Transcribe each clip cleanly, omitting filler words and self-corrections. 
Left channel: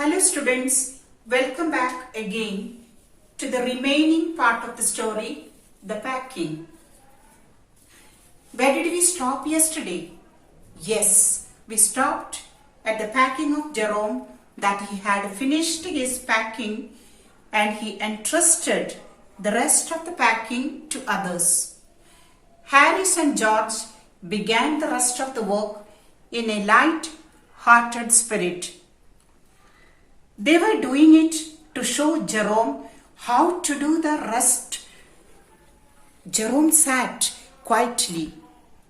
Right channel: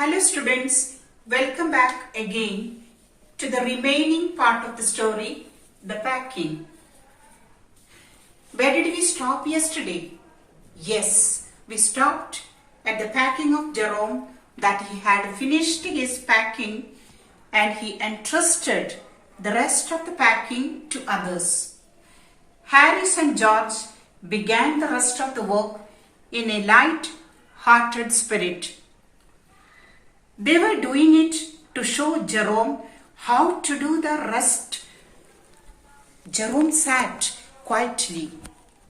Hello students, welcome back again to the remaining part of the story, the packing. Where did we stop yesterday? Yes, we stopped at the packing of Jerome, that he had finished his packing and he entrusted the rest of the packing to others. Harris and George began the rest of the work in a light-hearted spirit. They were doing it to show Jerome how to do the rest. Jerome sat quietly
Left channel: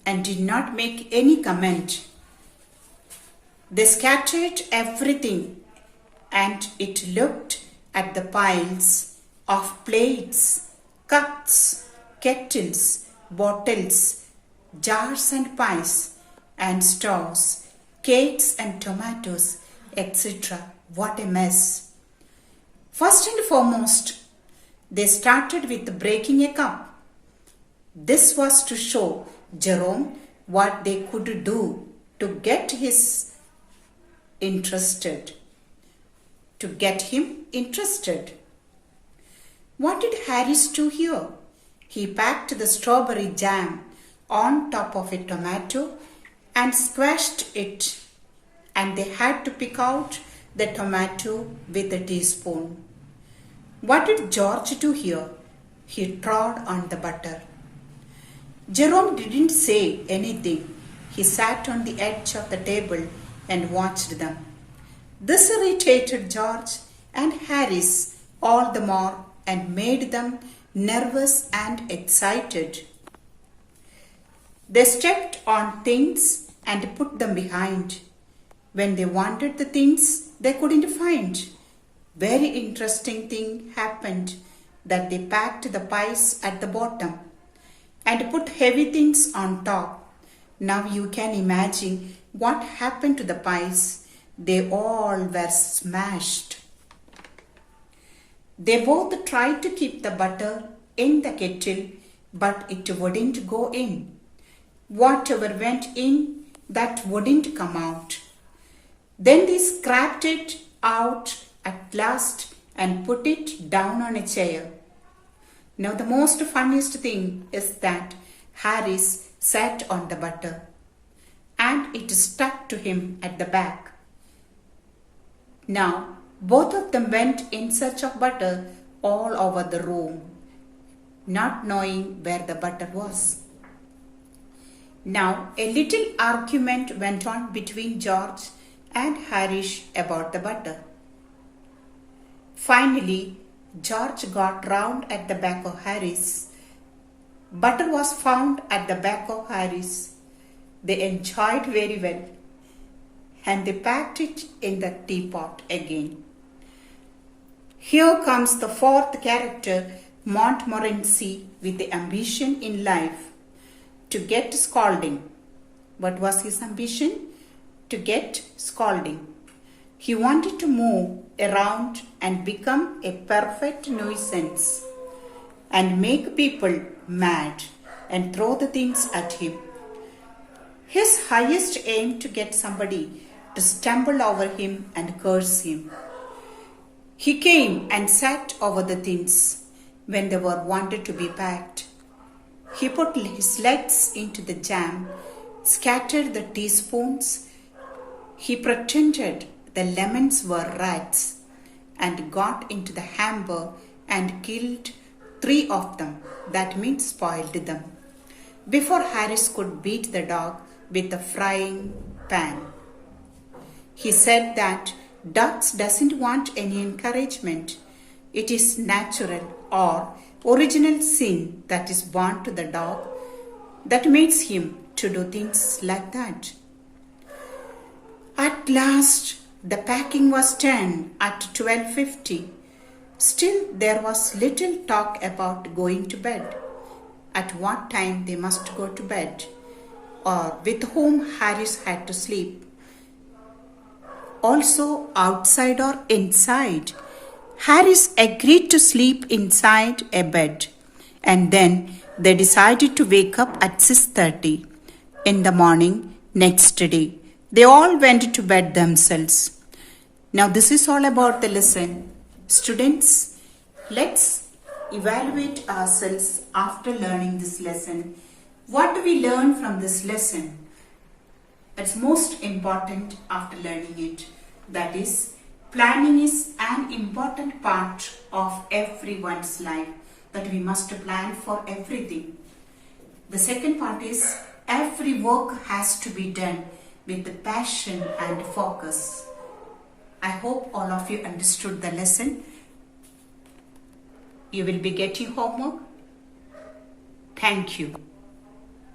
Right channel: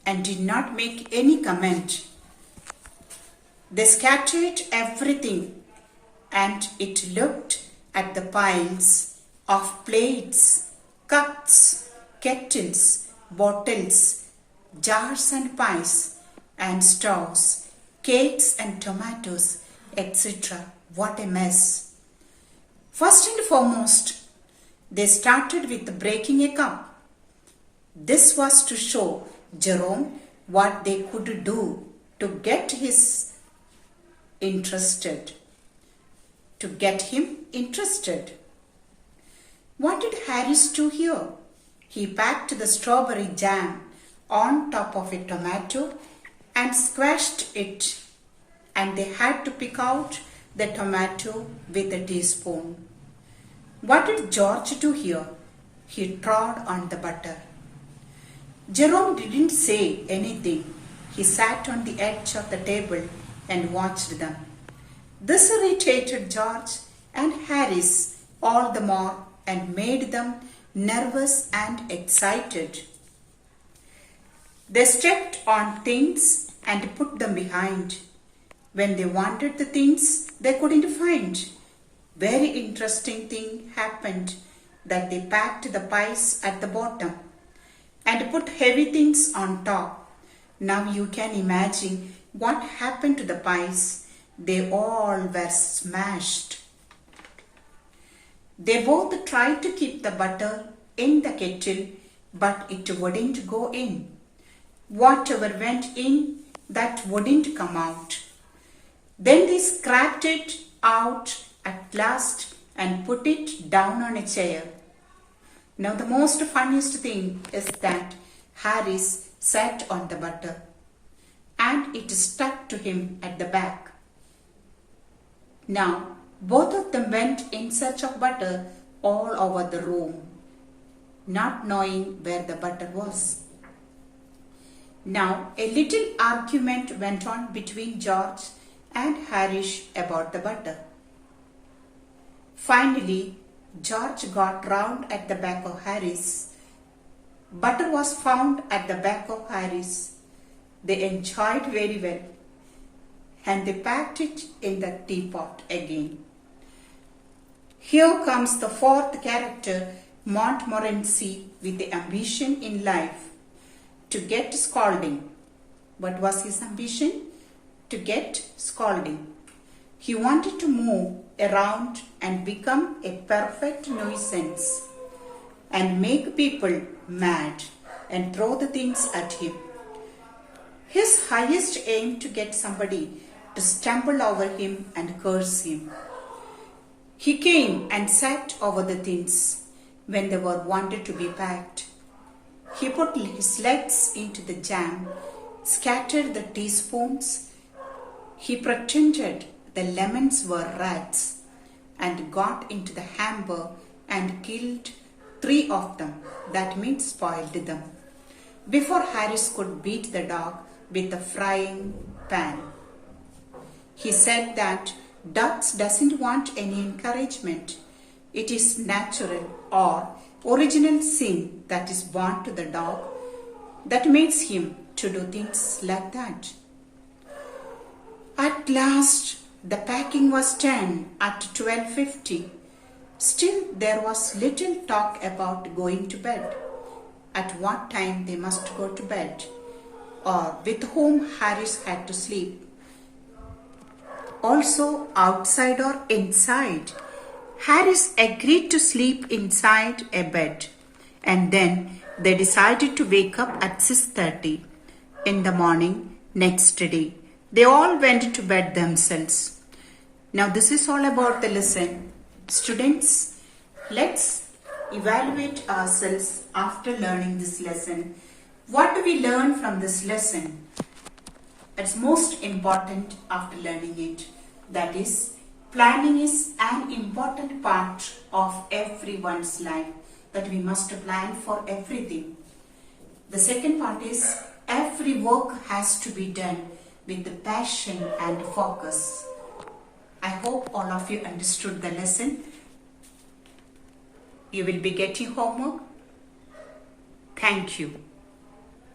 and did not make any comment. They scattered everything and it looked at the piles of plates, cups, kettles, bottles, jars and pies and straws, cakes and tomatoes, etc. What a mess. First and foremost, they started with breaking a cup. This was to show Jerome what they could do to get him interested. What did Harris do here? He packed the strawberry jam on top of a tomato and squashed it, and they had to pick out the tomato with a teaspoon. What did George do here? He trod on the butter. Jerome didn't say anything. He sat on the edge of the table and watched them. This irritated George and Harris all the more and made them nervous and excited. They stepped on things and put them behind. When they wanted the things they couldn't find, very interesting thing happened, that they packed the pies at the bottom and put heavy things on top. Now you can imagine what happened to the pies. They all were smashed. They both tried to keep the butter in the kettle, but it wouldn't go in. Whatever went in, that wouldn't come out. Then they scraped it out at last and put it down on a chair. Now the most funniest thing is that Harris sat on the butter and it stuck to him at the back. Now both of them went in search of butter all over the room, not knowing where the butter was. Now a little argument went on between George and Harris about the butter. Finally, George got round at the back of Harris. Butter was found at the back of Harris. They enjoyed very well and they packed it in the teapot again. Here comes the fourth character, Montmorency, with the ambition in life to get scolding. What was his ambition? To get scolding. He wanted to move around and become a perfect nuisance and make people mad and throw the things at him. His highest aim to get somebody to stumble over him and curse him. He came and sat over the things when they were wanted to be packed. He put his legs into the jam, scattered the teaspoons. He pretended the lemons were rats and got into the hamper and killed 3 of them. That means spoiled them, before Harris could beat the dog with a frying pan. He said that dogs doesn't want any encouragement. It is natural or original sin that is born to the dog that makes him to do things like that. At last, the packing was done at 12:50. Still, there was little talk about going to bed, at what time they must go to bed, or with whom Harris had to sleep. Also, outside or inside. Harris agreed to sleep inside a bed, and then they decided to wake up at 6:30 in the morning next day. They all went to bed themselves. Now this is all about the lesson. Students, let's evaluate ourselves after learning this lesson. What do we learn from this lesson? That's most important after learning it. That is, planning is an important part of everyone's life. That we must plan for everything. The second part is, every work has to be done with the passion and focus. I hope all of you understood the lesson. You will be getting homework. Thank you.